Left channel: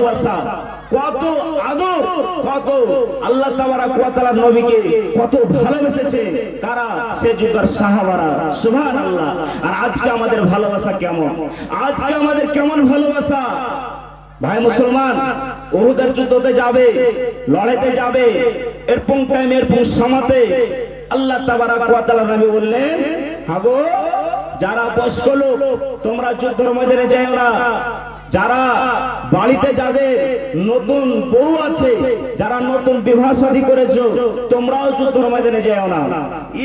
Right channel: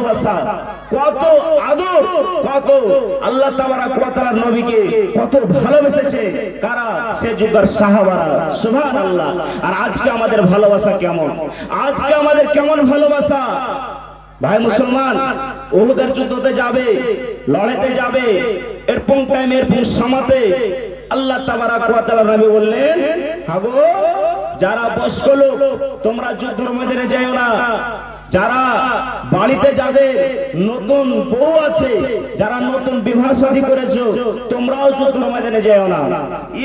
ভালোবাসা, কত আদর, কত আল্লাহ তাবারাক ওয়া তাআলা নবীকে কত ভালোবেসেছে কারা? সে যুগের সাহাবারা। সুবহানাল্লাহ। আর আজকে আমাদের ভালোবাসা কেমন? আজকে আমাদের কেমন ভালোবাসা? ভাই মুসলমান, উহুদের যুদ্ধতে যাবে, লড়াইতে যাবে, এরকম টাইমে এরকম সময়তে আল্লাহ তাবারাক ওয়া তাআলা নবী বললেন, হাগো যারা বয়স্ক লোক তোমরা যুদ্ধের ময়দানে যাও না, যারা বাড়িতে যাবে, নতুন বউ আছে, যারা নতুন বিবাহ শাদী করেছো তোমরাও যুদ্ধের ময়দানে যাও না।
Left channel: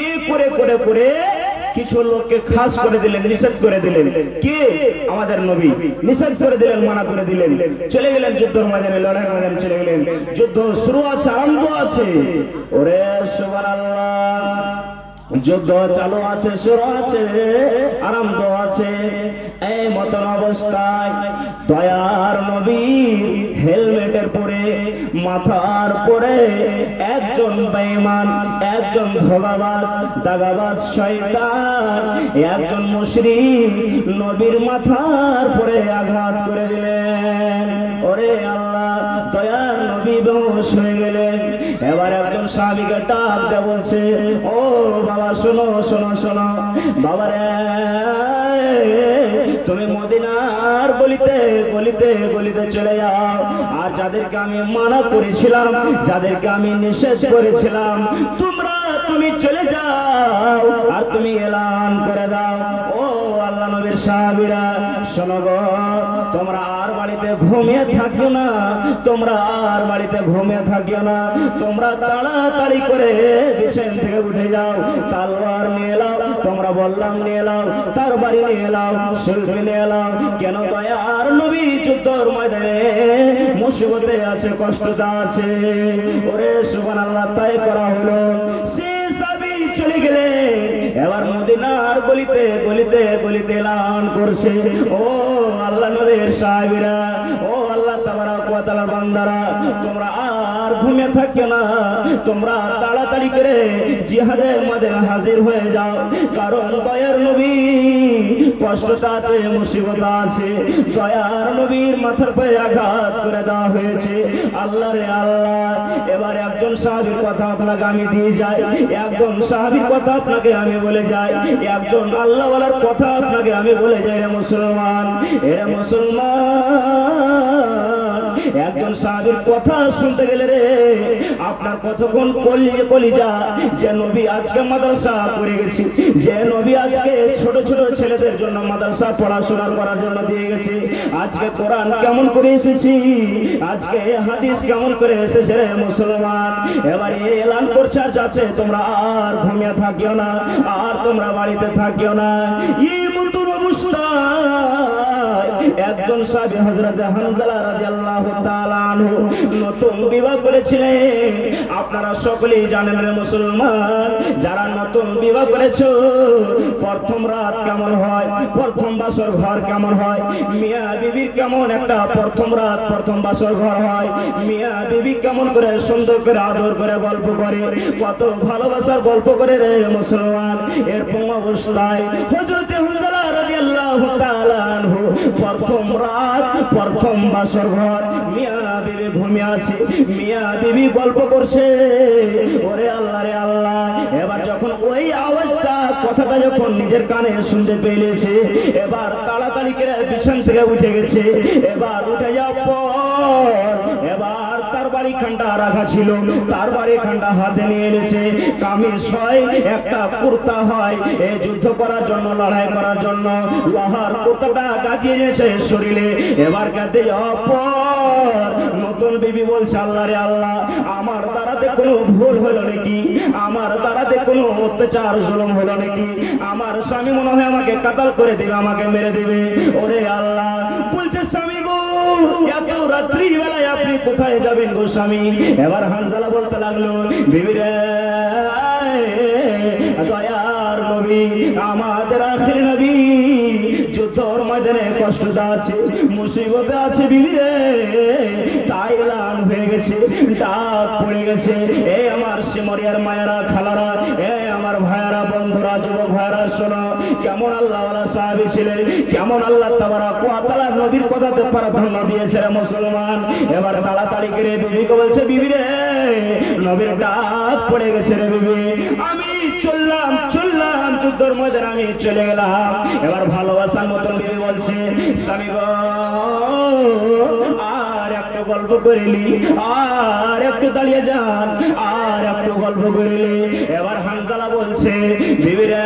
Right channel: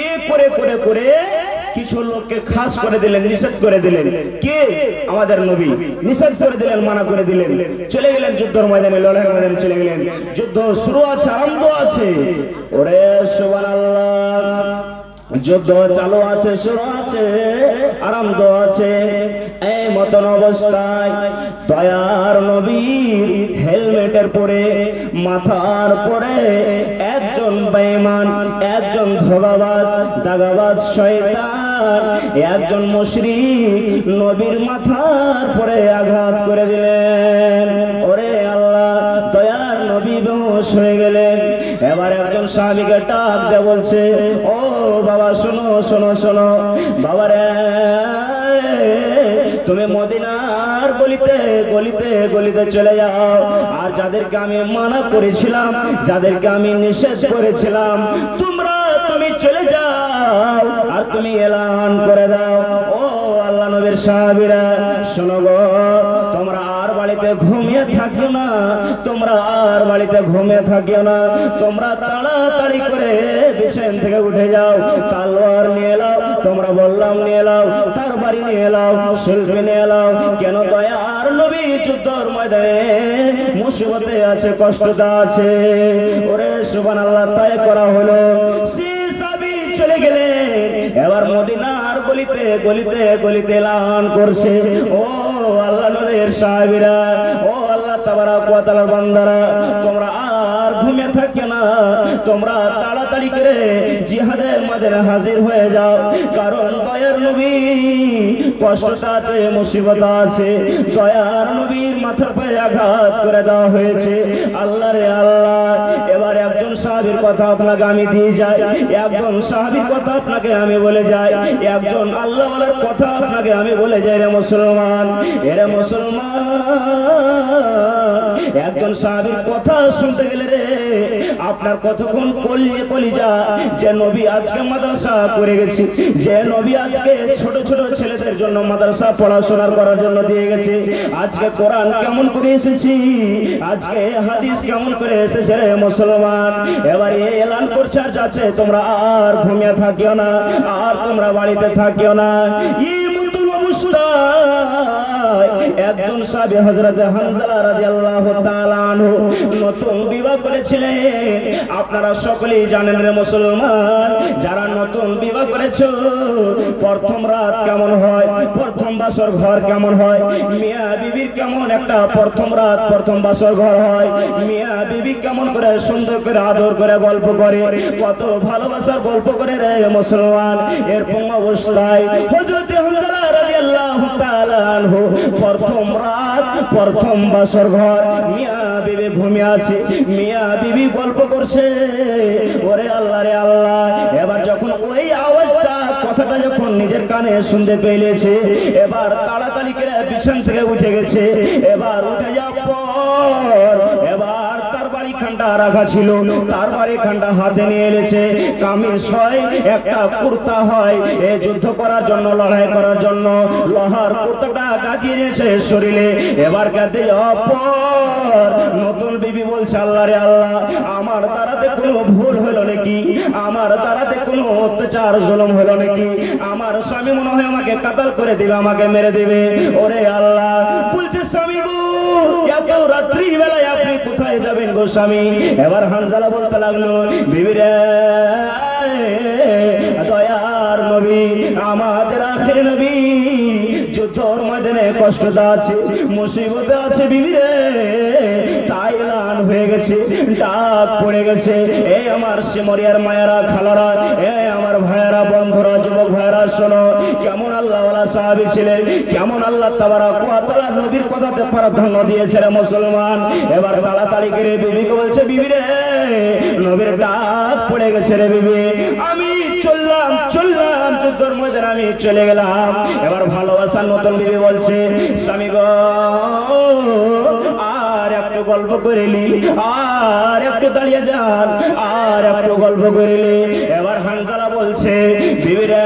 এ করে করে করে কিছু লোককে খাস করে দিলেন, নিষেধ করে দিলেন। কে? আমাদের নবী নিষেধ করে দিলেন, মানা করে দিলেন। চলে গেলেন যুদ্ধের ময়দানে, লড়াই ময়দানে চলে গেলেন। যুদ্ধ শুরু আছে, আরম্ভ আছে। ওরে সুবহানাল্লাহ, যুদ্ধ চালু আছে, শুরু আছে, আরম্ভ আছে। এই মতন অবস্থায় দয়ার নবী হেলমেটের পরে, মাথার পরে একজন বেঈমান, একজন ধোঁকাবাজ, দাগাবাজ শয়তান, একজন মুশরিক নবীর মাথার পরে আঘাত করে দিলেন। ওরে আল্লাহ, দয়ার নবী বেহুশ হয়ে গেলেন। এবার একজন সাহাবীকে ডাক দিয়ে বলছে, ও বাবা শোনো শোনো শোনো, বাবারে তুমি মদিনার গলিতে গলিতে গলিতে চলে যাও, আর যাদেরকে আমি মানা করেছিলাম, যাদেরকে আমি নিষেধ করেছিলাম, তুমি চলে যাও আর তুমি এলান করে দাও, ও আল্লাহ নবীর সাহাবীরা শোনো গো, তোমরা আর বাড়িতে ঘুমিয়ে থাকিও না, তোমরা আর বাড়িতে ঘুমিয়ে থাকিও না, তোমরা তাড়াতাড়ি করে বিছানা থেকে উঠে যাও, তলোয়ার নিয়ে এলাও, তোমরা বললাম নিয়ে এলাও, তার বাড়ি নিয়ে এলাও, শিল্পী নিয়ে এলাও। কেন? দয়ার নবী যুদ্ধের ময়দানে মুসিবতে আছে, কষ্টটা আছে। ওরে সুবহানাল্লাহ, তাই করা হলো। সে সাহাবী চলে গেলেন। এবার মদিনার গলিতে গলিতে গলিতে এলান করছে, ও আল্লাহ নবীর সাহাবীরা, ও আল্লাহ তাবারাক ওয়া তাআলার বান্দারা, তোমরা আর ঘুমিয়ে থাকিও না, তোমরা তাড়াতাড়ি করে জিহাদের ময়দানে হাজির হয়ে যাও। কারণ দয়ার নবী কষ্টটা আছে, মুসিবত আছে, দয়ার নবীর মাথার পরে আঘাত করে দেওয়া হয়েছে। আল্লাহ রে আল্লাহ, এবার একজন সাহাবীর কথা আপনাকে আমি দিয়ে যাই, একজন সাহাবীর কথা আপনাকে আমি বলে যাই, একজন আল্লাহওয়ালার কথা আপনাকে আমি বলে যাই। রে মুসলমান, এরা মুসলমান, একজন সাহাবীর কথা শুনতে গেলে রে আপনার কতক্ষণ কলিজা, যে নবী আজকে মাদ্রাসা করে গেছে, যে নবী আজকে ছোট ছোট ছেলেদের জন্য মাদ্রাসা পড়াশোনা করার জন্য দিয়ে গেছে, আজকে কোরআন কেমন করে এসেছি, আজকে হাদিস কেমন করে এসেছে। রে মুসলমান, এবার এই এলান করছে আর যাচ্ছে, তোমরা আর ঘুমিয়ে থাকিও না, আর তোমরা বাড়িতে থাকিও না। এই মতন অবস্থা একজন সাহাবী হযরত হানজালা রাদিয়াল্লাহু তাআলা আনহু নতুন বিবাহ করেছিলেন। আপনারা সকলেই জানেন রে মুসলমান, যারা নতুন বিবাহ করেছো, প্রথম রাত কেমন হয়, প্রথম বাসর ঘর কেমন হয়, মিয়া বিবির কেমন একটা প্রথম রাত প্রথম বাসর ঘর হয়, মিয়া বিবি কেমন করে সুন্দর করে আদর করে গল্প করে, কত ভালোবাসার গল্প করে রে মুসলমান। এরকম অবস্থায় হযরত হানজালা রাদিয়াল্লাহু তাআলা আনহু প্রথম রাত প্রথম বাসর ঘর, মিয়া বিবি ঘুমিয়ে আছে, মিয়া বিবি গল্প করছে। ওরে আল্লাহ রে আল্লাহ, এবার যখন ওই আওয়াজটা, কথাটা যখন নিজের কানে শুনতে পেয়েছে, এবার তাড়াতাড়ি করে বিছানা থেকে উঠে গেছে। এবার উঠে যাওয়ার পর এবার তার বাড়ি খান্ডা রাখা ছিল, তার বাড়ি খান্ডা হাতে নিয়ে এলেছে, কামিজ হয়, একটা কুর্তা হয়, এ যুদ্ধ করার জন্য, লড়াই করার জন্য লোহার কুর্তাটা গাঁথিয়েছে শরীরে। এবার গাঁথে যাওয়ার পর নতুন বিবি বলছে, আল্লাহ রে আল্লাহ, আমার দ্বারাতে কোনো ভুল হলো নাকি, আমার দ্বারাতে কোনো অত্যাচার জুলুম হলো নাকি, আমার স্বামী মনে হয় আমাকে কাতাল করে দিবে, আমাকে মেরে দিবে। ওরে আল্লাহ, বলছে স্বামী গো, এত রাত্রি বেলায় আপনি কোথায় যাবেন গো স্বামী? এবার হানজালা বলতে লাগলো, বিবি রে, দয়ার নবী, আমাদের আখির নবী যুদ্ধর ময়দানে কষ্টটা আছে, মুসিবতে আছে বিবি রে, তাই এলান হয়ে গেছে, ডাক পড়ে গেছে। এই আমার সিমরিয়ার মায়েরা, খালারা, এই আমার ভাইয়েরা, বন্ধুরা, যুবক ভাইরা শোনো কেমন আল্লাহ ওয়ালা সাহাবী ছিলেন, কেমন আল্লাহ তাবারক ওয়া তাআলা নবীর কথাতে প্রাধান্য দিয়েছে রে মুসলমান। এবার তাড়াতাড়ি করে বিবিকে বলছে, বিবি রে নবীর ডাক পড়ে গেছে রে বিবি, আমি চললাম যুদ্ধের মধ্যে আমি চলে গেলাম। এবার ভালোবাসার মতন বিবি বলছে, স্বামী গো আর একটু গল্প করিলি, আর একটু দাঁড়িয়ে যান, আর একটু গল্প করিলি। এবার হানজালা বলছে, বিবি রে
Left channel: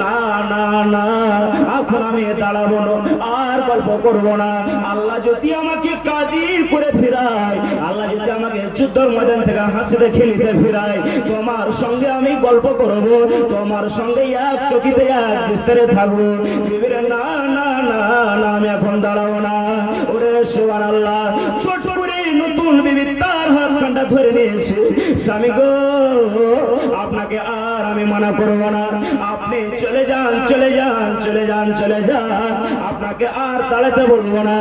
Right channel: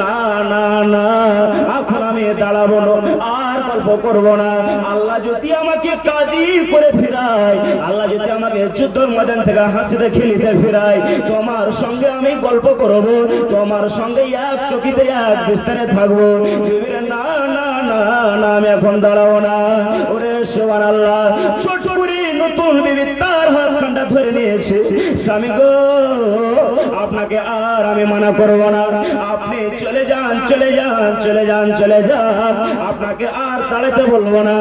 না না না এখন আমি দাঁড়াবো না, আর গল্প করবো না। আল্লাহ যদি আমাকে কাজী করে ফিরায়, আল্লাহ যদি আমাকে যুদ্ধের ময়দান থেকে হাসিতে খেলিতে ফিরায়, তোমার সঙ্গে আমি গল্প করবো, তোমার সঙ্গে এক চকিতে এক বিস্তারে থাকবো। বিবিরে না না না না আমি এখন দাঁড়াবো না। ওরে সুবহানাল্লাহ, ছোট করে নতুন বিবি তার হাত কান্ডা ধরে নিয়েছে, স্বামী গো আপনাকে আর আমি মানা করবো না, আপনি চলে যান চলে যান চলে যান চলে যান, আপনাকে আর দাঁড়াতে বলবো না,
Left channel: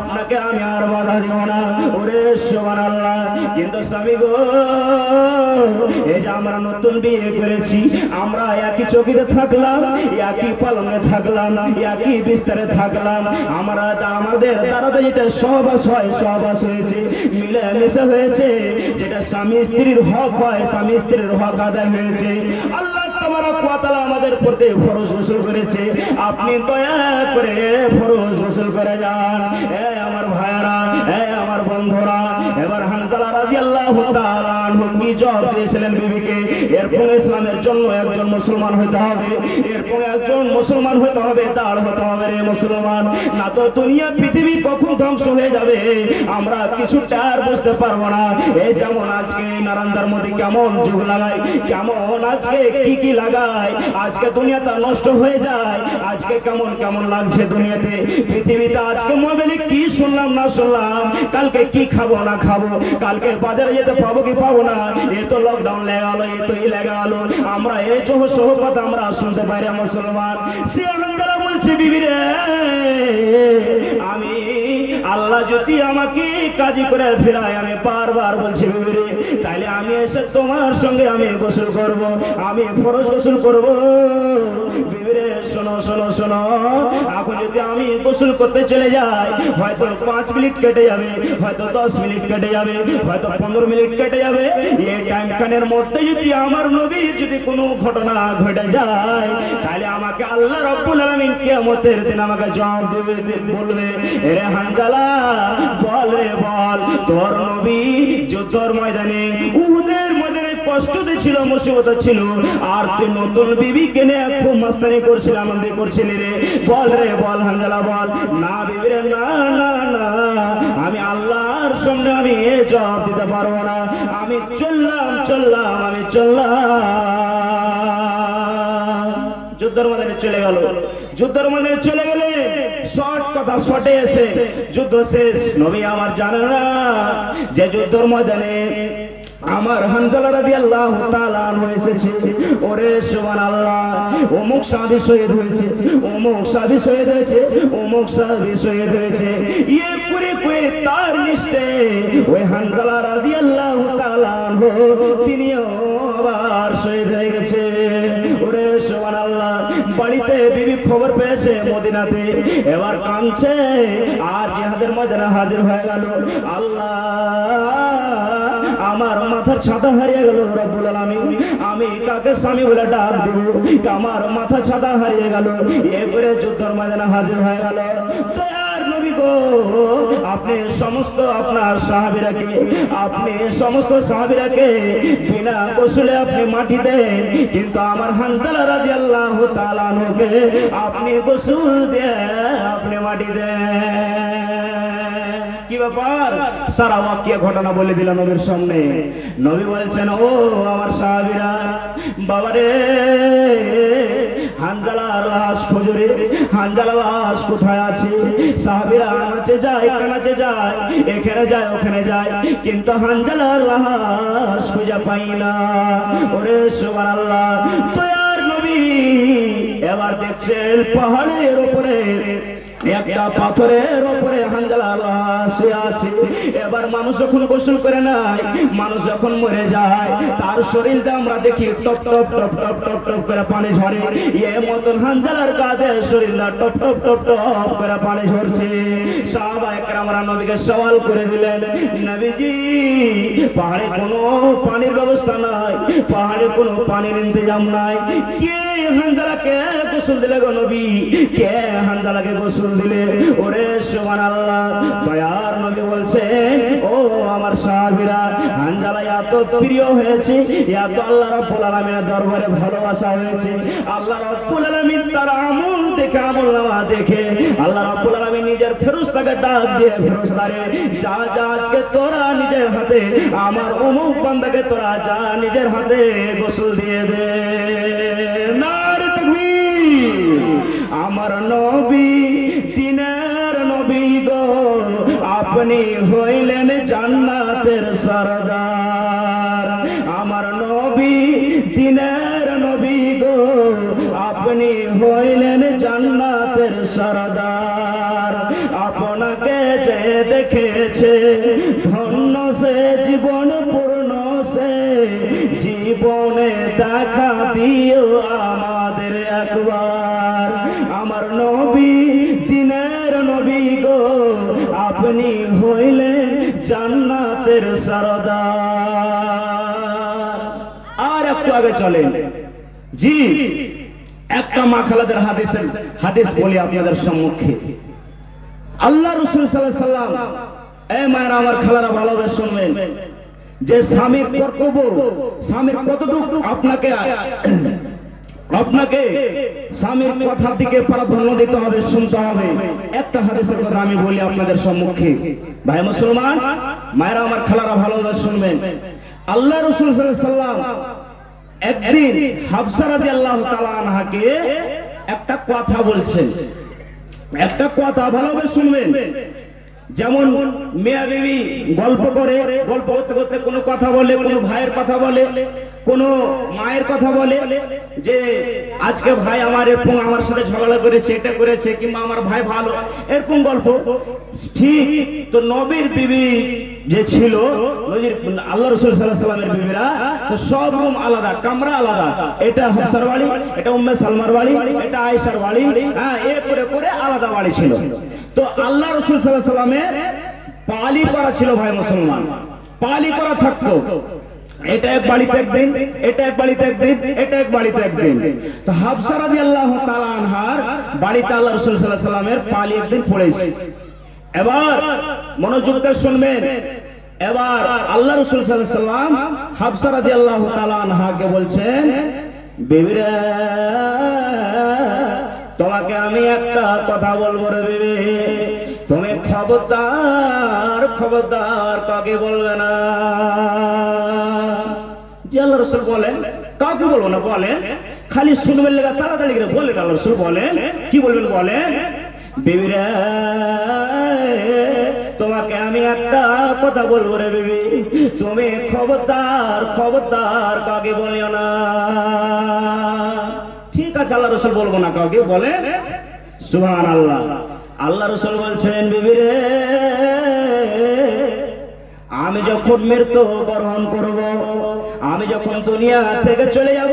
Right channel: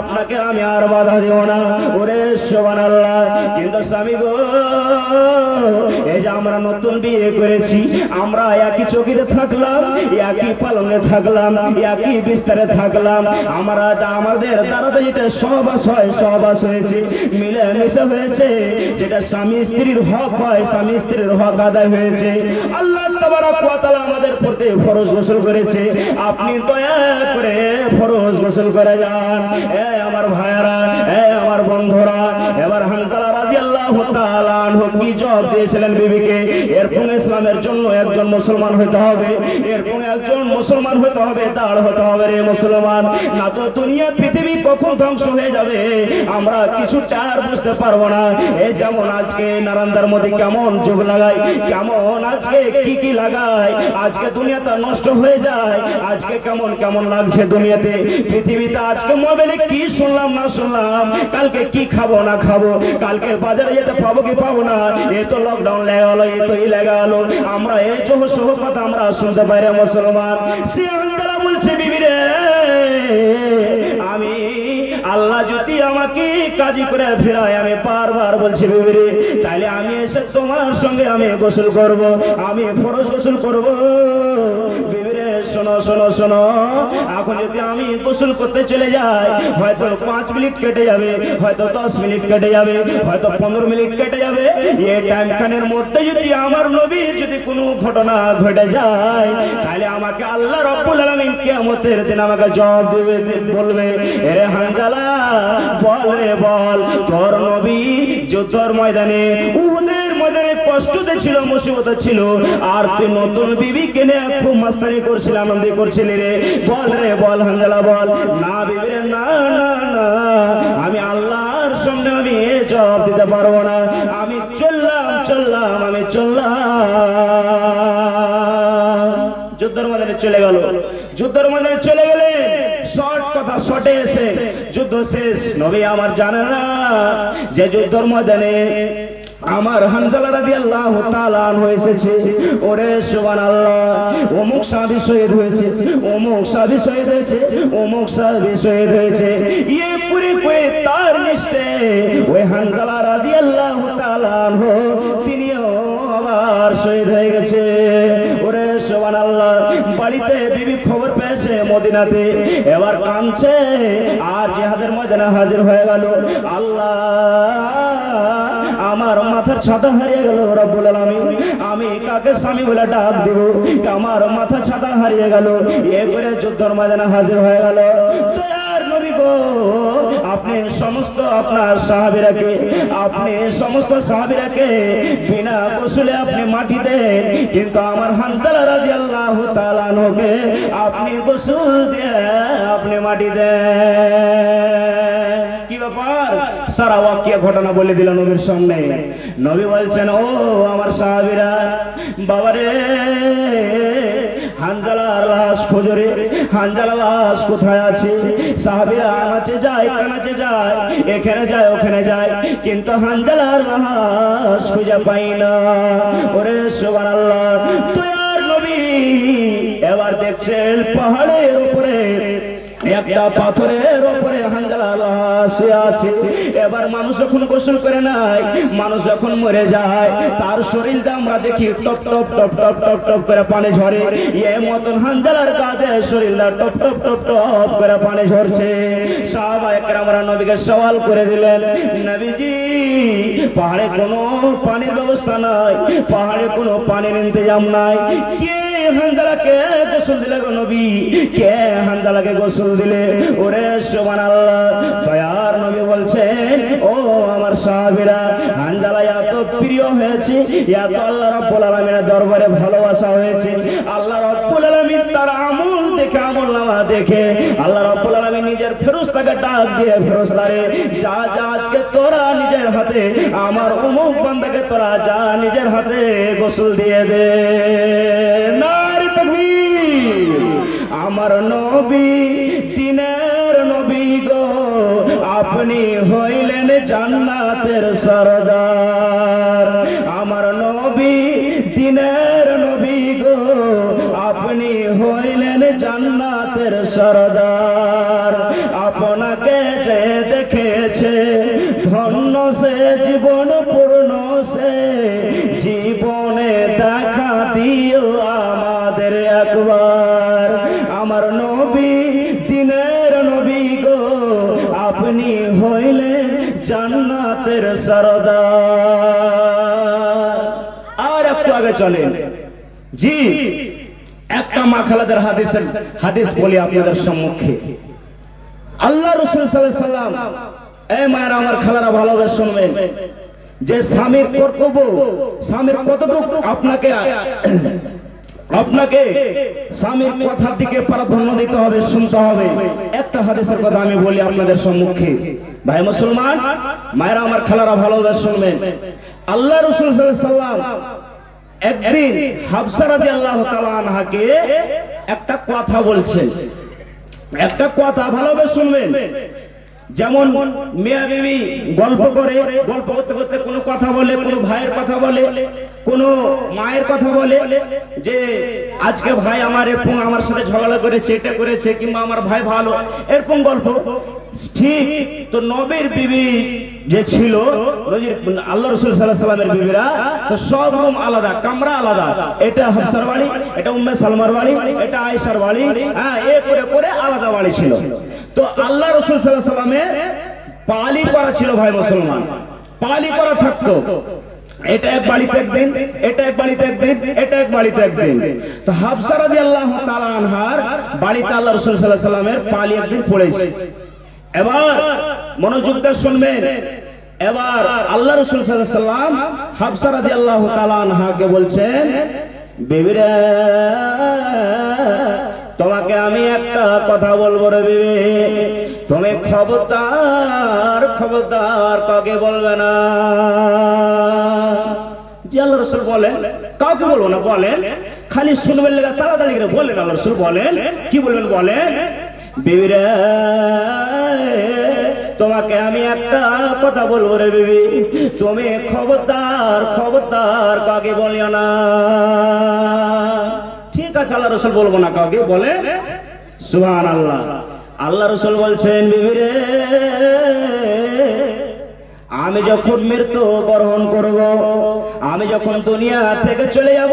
আপনাকে আমি আর বাধা দেব না। ওরে সুবহানাল্লাহ, কিন্তু স্বামী গো এই যে আমরা নতুন বিয়ে করেছি, আমরা একই চকিতে থাকলাম, একই পালনে থাকলাম, একই বিস্তারে থাকলাম, আমরা আমাদের দ্বারা যেটা সহবাস হয় সহবাস হয়েছে, মিলেমিশে হয়েছে, যেটা স্বামী স্ত্রীর হক হয় স্বামী স্ত্রীর হক আদায় হয়েছে। আল্লাহ তাবারক ওয়া তাআলা আমাদের প্রতি ফরজ গোসল করেছে, আপনি দয়া করে ফরজ গোসল করে যান। আমার ভাইরা, আমার বন্ধুরা, এবার হানজালা রাদিয়াল্লাহু তাআলা আনহু কি জবাব দিয়েছিলেন বিবিকে, এরপর ইসলামের জন্য একজন মুসলমান হতে হবে, এরপর একজন মুসলমান হতে হবে, দাঁড় হতে হবে রে মুসলমান, না তো দুনিয়া পৃথিবী কখন ধ্বংস হয়ে যাবে আমরা কিছু চার বুঝতে পারবো না। এই যেমন আজকে নারান্দার মধ্যে কেমন যুগ লাগায়, কেমন আজকে কি লাগায়, আজকে দুনিয়াটা নষ্ট হয়ে যায়, আজকে কেমন কেমন লাগছে দুনিয়াতে, পৃথিবীতে আজকে মোবাইলে কি শুনলাম না শুনলাম, কালকে কি খাবো না খাবো, কালকে বাজারে যেতে পাবো কি পাবো না, এ তো লকডাউন লেগে গেল, এ তো লেগে গেল, আমরা এই সহ কথা আমরা শুনতে পারি মুসলমান। সে আনন্দারা বলছে, বিবি রে আমি আল্লাহ যদি আমাকে কাজী করে ফেরায়, আমি বারবার বলছি বিবি রে তাহলে আমি এসে তোমার সঙ্গে আমি গোসল করব, আমি ফরজ গোসল করব। বিবি রে শোনো শোনো শোনো, এখন যদি আমি গোসল করতে চলে যাই, হয়তো 5 মিনিট কেটে যাবে, হয়তো 10 মিনিট কেটে যাবে, হয়তো 15 মিনিট কেটে যাবে, এই টাইম খানের মধ্যে যদি আমার নবী যদি কোনো ঘটনা ঘটে যায়, তাহলে আমাকে আল্লাহ রাব্বুল আলামিন কিয়ামতের দিন আমাকে জবাব দেবে, বলবে এরে হানজালা বল রে বল, তোর নবী যুদ্ধের ময়দানে উহুদের ময়দানে কষ্টতে ছিল, মুসিবতে ছিল, আর তুই নতুন বিবিকে নিয়ে খুব মাস্তানি করছিল, আনন্দ করছিলি রে, বল রে বল হানজালা বল। না বিবি রে না না না আমি আল্লাহর সামনে আমি জবাব দিতে পারবো না, আমি চললাম আমি চললাম। যুদ্ধের ময়দানে চলে গেল, যুদ্ধের ময়দানে চলে গেলে শর্ট কথা শর্টে এসে যুদ্ধ শেষ। নবী আমার জানে না যে যুদ্ধের ময়দানে আমার হানজালা রাদিয়াল্লাহু তাআলা হয়েছে, ওরে সুবহানাল্লাহ অমুক সাহাবী শহীদ হয়েছে, অমুক সাহাবী শহীদ হয়েছে, অমুক সাহাবী শহীদ হয়েছে, এই পুরে পুরে তার নিশ্চে ওই হানজালা রাদিয়াল্লাহু তাআলা তিনিও আবার শহীদ হয়ে গেছে। ওরে সুবহানাল্লাহ, বাড়িতে বিবি খবর পেয়েছে মদিনাতে, এবার কাঁদছে, আর জিহাদের ময়দানে হাজির হয়ে গেল। আল্লাহ আমার মাথার ছাতা হারিয়ে গেল রব্বুল আলামিন, আমি কাকে স্বামী বলে ডাক দিব, আমার মাথা ছাতা হারিয়ে গেল। এরপরে যুদ্ধের ময়দানে হাজির হয়ে গেল। দয়ার নবী গো, আপনি সমস্ত আপনার সাহাবীরাকে, আপনি সমস্ত সাহাবীরাকে বিনা গোসলে আপনি মাটি দেন, কিন্তু আমার হানজালা রাদিয়াল্লাহু তাআলা আনহুকে আপনি গোসল দিয়ে আপনি মাটি দেন। কি ব্যাপার? সারা ওয়াকিয়া ঘটনা বলে দিল নবীর সামনে। নবী বলছেন, ও আমার সাহাবীরা, বাবারে হানজালার লাশ খুঁজরে, হানজালার লাশ কোথায় আছে? সাহাবীরা আনাচে যায় কানাচে যায়, এখানে যায় ওখানে যায়, কিন্তু হানজালার লাশ খুঁজে পাই না। ওরে সুবহানাল্লাহ, দয়ার নবী এবার দেখছেন পাহাড়ের উপরে একটা পাথরের উপরে হানজালার লাশ শুয়ে আছে। এবার মানুষ যখন গোসল করে নাই, মানুষ যখন মরে যায়, তার শরীরটা আমরা দেখি top top top top top top করে পানি ঝরে। এ মতন হানজালার কাঁধে শরীরটা টপ টপ টপ টপ করে পানি ঝরছে। সাহাবায়ে কেরামরা নবীকে সওয়াল করে দিলেন, নবীজি পাহাড়ে কোনো পানির ব্যবস্থা নাই, পাহাড়ে কোনো পানির ইন্তজাম নাই, কে হানজালাকে গোসল দিলে গো নবী, কে হানজালাকে গোসল দিলে? ওরে সুবহানাল্লাহ, দয়ার নবী বলছেন, ও আমার সাহাবীরা, হানজালা এত প্রিয় হয়েছে, এত আল্লাহ রাব্বুল আলামিনের দরবারে ভালোবাসা হয়েছে, আল্লাহ রাব্বুল আলামিন তার আমল দেখে, আমলনামা দেখে আল্লাহ রাব্বুল আলামিন নিজের ফেরেশতাকে ডাক দিয়ে, ফেরেশতারে যা যা আজকে তোরা নিজের হাতে আমার অমুক বান্দাকে তোরা যা নিজের হাতে গোসল দিয়ে দে। নারে তাকবীর! আমার নবী দিনের নবী গো, আপনি হইলেন জান্নাতের সরদার। আমার নবী দিনের নবী গো, আপনি হইলেন জান্নাতের সরদার। আপনাকে যে দেখেছে ধন্য সে, জীবন পূর্ণ সে, জীবনে দেখা দিও আমাদের একবার। আমার নবী দিনের নবী গো, আপনি হইলেন জান্নাতের সরদার। আর একটু আগে চলেন, জি একটা মা খালাদের হাদিস বলি আপনাদের সম্মুখে। আল্লাহ রাসূল সাল্লাল্লাহু আলাইহি ওয়াসাল্লাম, এই মায়েরা আমার খালারা ভালোভাবে শুনবেন, যে স্বামীর কর্তব্য, স্বামীর কতটুকু আপনাকে স্বামীর কথার দিকে প্রাধান্য দিতে হবে, শুনতে হবে। একটা হাদিসের কথা আমি বলি আপনাদের সম্মুখে। ভাই মুসলমান, মায়েরা আমার খালারা ভালোভাবে শুনবেন। আল্লাহ রাসূল সাল্লাল্লাহু আলাইহি ওয়াসাল্লাম একদিন হাফসা রাদিয়াল্লাহু তাআলা আনহাকে একটা কথা বলছেন, একটা কথা ভালোভাবে শুনবেন। যেমন মিয়া বিবি গল্প করে, গল্প করতে করতে কোনো কথা বলে, কোনো ভাইয়ের কথা বলে, কোন মায়ের কথা বলে, যে আজকে ভাই আমার এরকম আমার সাথে ঝগড়া করেছে, এটা করেছে, কিংবা আমার ভাই ভালো, এরকম গল্প। ঠিক তো নবীর বিবি যে ছিল, আল্লাহ রাসূল সাল্লাল্লাহু আলাইহি ওয়াসাল্লামের বিবিরা, তো সব রুম আলাদা, কামরা আলাদা। এটা হাফসার বাড়ি, এটা উম্মে সালমার বাড়ি, এটা আয়েশার বাড়ি, হ্যাঁ, এ করে করে আলাদা বাড়ি ছিল। তো আল্লাহ রাসূল সাল্লাল্লাহু আলাইহি ওয়াসাল্লামের পালি করা ছিল, ভাই মুসলমান, পালি করা থাকতো। এটা এক বাড়িতে একদিন, এটা এক বাড়িতে একদিন, এটা এক বাড়িতে একদিন। তো হাফসা রাদিয়াল্লাহু তাআলা আনহার বাড়িতে আল্লাহ রাসূল সাল্লাল্লাহু আলাইহি ওয়াসাল্লামের পালি একদিন পড়েছে। এবার মনোযোগ দিয়ে শুনবেন। এবার আল্লাহ রাসূল সাল্লাল্লাহু আলাইহি ওয়াসাল্লাম হাফসা রাদিয়াল্লাহু তাআলা আনহাকে বলছেন, বেবিরা, তোমাকে আমি একটা কথা বলবো রে বিবি, তুমি খবরদার খবরদার কাউকে বলবে না। জি আল্লাহ রাসূল বলেন, কাউকে বলবো না, বলেন খালি শুনবেন, তাড়াতাড়ি করে বলেন। আল্লাহ রাসূল বলেন, কি বলবেন বলেন, বিবিরা, তোমাকে আমি একটা কথা বলবো রে বিবি, তুমি খবরদার খবরদার কাউকে বলিও না। ঠিক আছে আল্লাহ রাসূল বলবো না কাউকে, বলে সুবহানাল্লাহ। আল্লাহ রাসূল বলছেন, বিবি রে, আমি যখন মৃত্যু বরণ করব, আমি যখন দুনিয়া থেকে চলে যাব,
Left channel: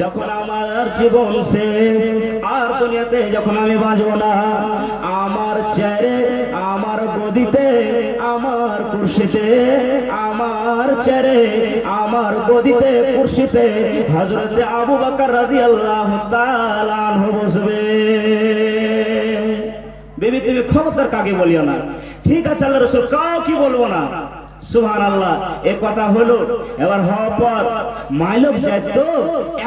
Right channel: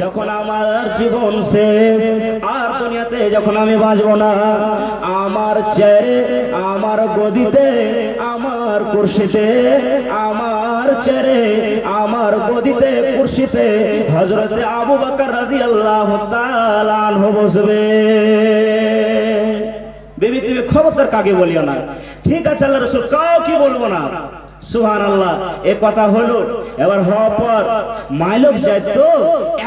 যখন আমার জীবন শেষ, আর দুনিয়াতে যখন আমি বাঁচব না, আমার চেয়ারে, আমার গদিতে, আমার কুরসিতে, আমার চেয়ারে, আমার গদিতে, কুরসিতে হযরত আবু বকর রাদিয়াল্লাহু তাআলা আনহু বসবে। বিবি তুমি খবরদার কাকে বলিও না। ঠিক আছে আল্লাহ রাসূল, কাউকে বলবো না। সুবহানাল্লাহ। এ কথা হলো। এবার হওয়ার পর মাইলক যায়, তো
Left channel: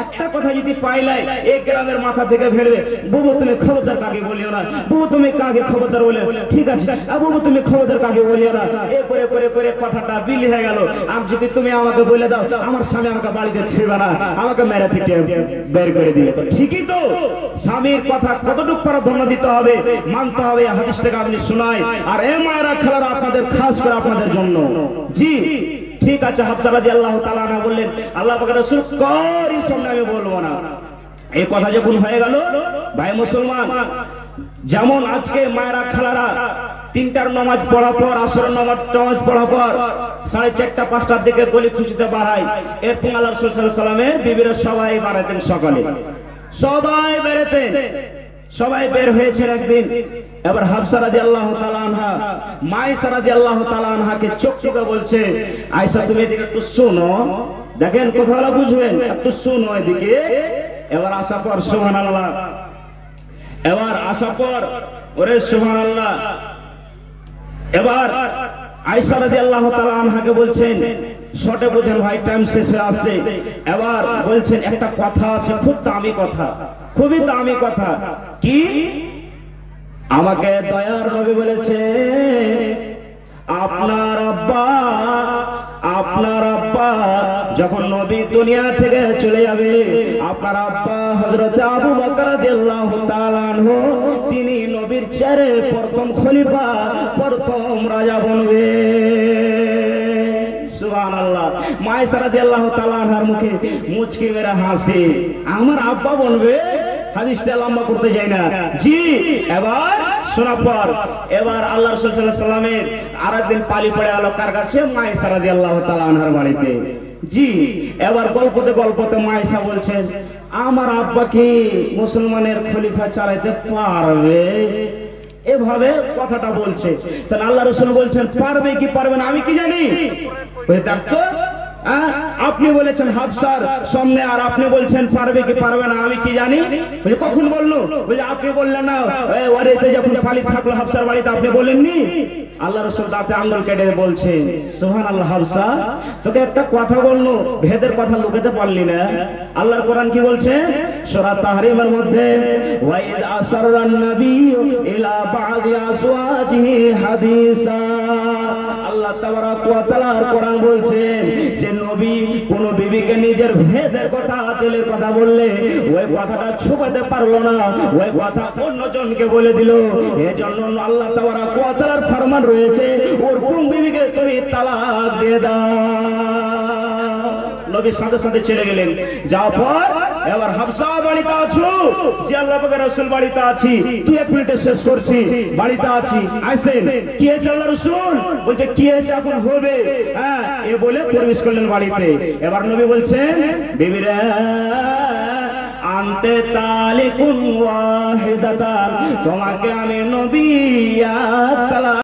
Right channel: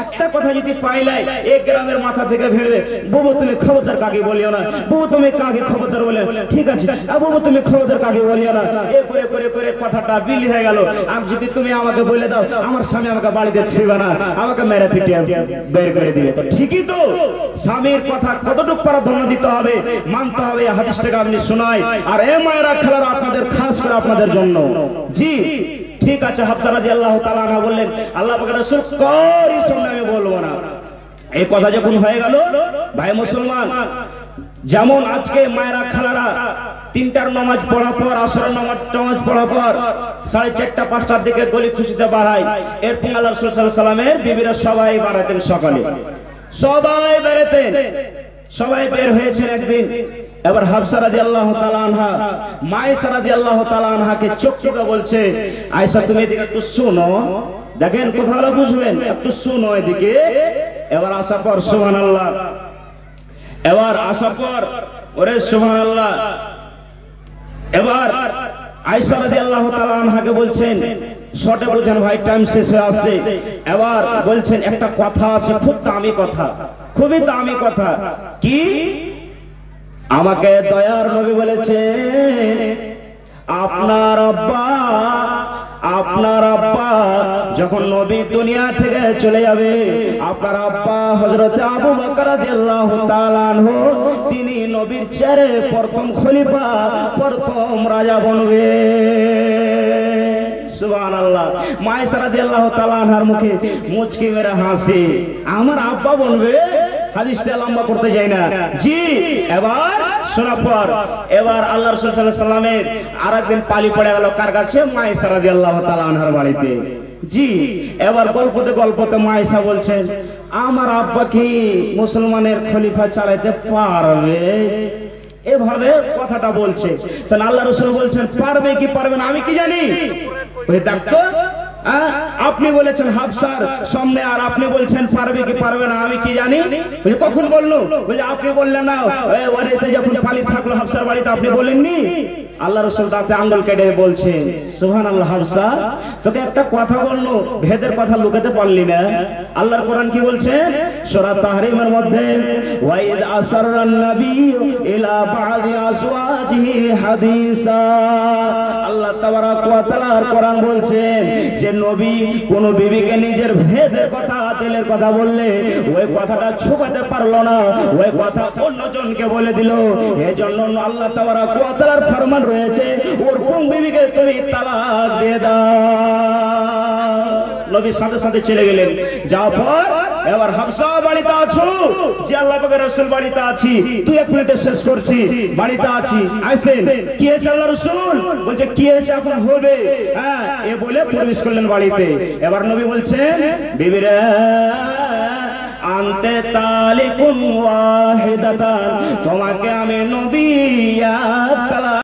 একটা কথা যদি পাইলাই, এক গ্রামের মাথা থেকে ভেড়ে, বুবু তুমি খবরদার কাকে বলিও না, বুবু তুমি কাকে খবরদার বলে, ঠিক আছে বুবু তুমি খবরদার কাকে বলিও না। এ করে করে করে কথাটা বিলি হয়ে গেল। আর যদি তুমি আমাকে বলে দাও, আমার স্বামী আমাকে বাড়িতে ছিড়বে না, আমাকে মেরে পিটিয়ে বের করে দিবে। তো ঠিকই তো, স্বামীর কথা কতটুকু প্রাধান্য দিতে হবে, মানতে হবে। হাদিস থেকে আপনি শোনাই। আর এ মায়েরা খেলার আপনাদের, খাস করে আপনাদের জন্য। জি ঠিক আছে। হাফসা রাদিয়াল্লাহু তাআলা আনহা বললেন, আল্লাহ পাকের রাসূল করি সামনে আমি বলবো না। এই কথা যখন হয়ে গেল, ভাই মুসলমান, যেমন আজকে মায়েরা খালারা তিনটার নামাজ পড়ার পর, আসরের নামাজ পড়ার পর 4:30 5টার দিকে গলি খুশিতে বাড়ায়। এরপর আল্লাহ রাসূল সাল্লাল্লাহু আলাইহি ওয়াসাল্লামের বিবিরা সবাই বাড়াতেন, সকালে সবাই বেরোতেন, সবাই বের হয়েছে একদিন। এবার হাফসা রাদিয়াল্লাহু তাআলা আনহা মায়েশা রাদিয়াল্লাহু তাআলা আনহাকে চোখ টিপে বলছে, আয়েশা তুমি এদিকে একটু শোনো, দেখেন কোথাও বুঝবেন, একটু শোনো এদিকে। এবার আসার পর সুবহানাল্লাহ, এবার আসার পর ওরে সুবহানাল্লাহ, এবার আয়েশা রাদিয়াল্লাহু তাআলা আনহাকে বলছেন, শর্টে বুঝেন ভাই, টাইম শেষ হয়ে আসছে। এবার বলছেন একটা কথা আছে, খুব দামি কথা, খুবই দামি কথা। কি? আমাকে দয়ার নবী বলেছে আপনার আব্বা যখন নবী দুনিয়া থেকে চলে যাবে, আপনার আব্বা হযরত আবু বকর রাদিয়াল্লাহু তাআলা আনহু তিনি নবীর চেয়ারে প্রথম খলিফা, প্রথম রাজা বনবে। সুবহানাল্লাহ। মায়েশা রাদিয়াল্লাহু তাআলা আনহার মুখে মুচকি মেরে হাসি, আমার আব্বা বলবে? হাদিসটা লম্বা করতে যাই না জি। এবার শোনার পর এবার আল্লাহ রাসূল সাল্লাল্লাহু আলাইহি ওয়াসাল্লামের আরেকদিন পালি পড়ে গেল, কার কাছে? মায়েশা রাদিয়াল্লাহু তাআলা আনহার বাড়িতে। জি। এবার গল্পতে মায়েশা বলছেন, আমার আব্বা কি মুসলমানের খলিফা চালাতে পারবে? এভাবে কথাটা বলছে। তাহলে আল্লাহ রাসূল বলছেন পারবে কি পারবে না আমি কি জানি? ওই ডাক্তার আপনি বলেছেন হাফসার সামনে, আর আপনি বলছেন পারবে কি পারবে না আমি কি জানি? কখন বললো? আপনি বললেন না বাড়িতে যখন পালি থাকলো হাফসার বাড়িতে, আপনি বলেননি? আল্লাহ রাসূল তাতে আঙ্গুল কেটে বলছেন, সুবহানাল্লাহ, হাফসা তোকে একটা কথা বললো, ভেদের কথা লুকাতে পারলি না। আল্লাহর কোরআন কি বলছে? সূরা তাহরিমের মধ্যে, ওয়াইদ আসাররান নাবিয়্যু ইলা বা'দি আসওয়াজিহি হাদিসা, আল্লাহ তাবারাক ওয়া তাআলার কোরআন বলছেন যে নবী কোন বিবিকে নিজের ভেদের কথা, দিলের কথা বললে ওই কথাটা ছুপাতে পারলো না, ওই কথা অন্যজনকে বলে দিল। এজন্য আল্লাহ তাবারাক ওয়া তাআলার ফরমান রয়েছে, ওর কোন বিবিকে তুমি তালাক দিয়ে দাও। নবী সাথে সাথে চলে গেলেন। যাওয়ার পর এবার হাফসা বাড়িতে আছো? যে আল্লাহ পাকের রাসূল বাড়িতে আছি, 2-1 মিনিটে শেষ করছি, বাড়িতে আছি, আইসেন। কি হয়েছে? আল্লাহ রাসূল বলছে কি হয়েছে এখন হবে, হ্যাঁ এ বলে প্রবেশ করলেন বাড়িতে। এবার নবী বলছেন, বিবিরা আনতে তালিকুন ওয়াহিদাতান, তোমাকে আমি নবী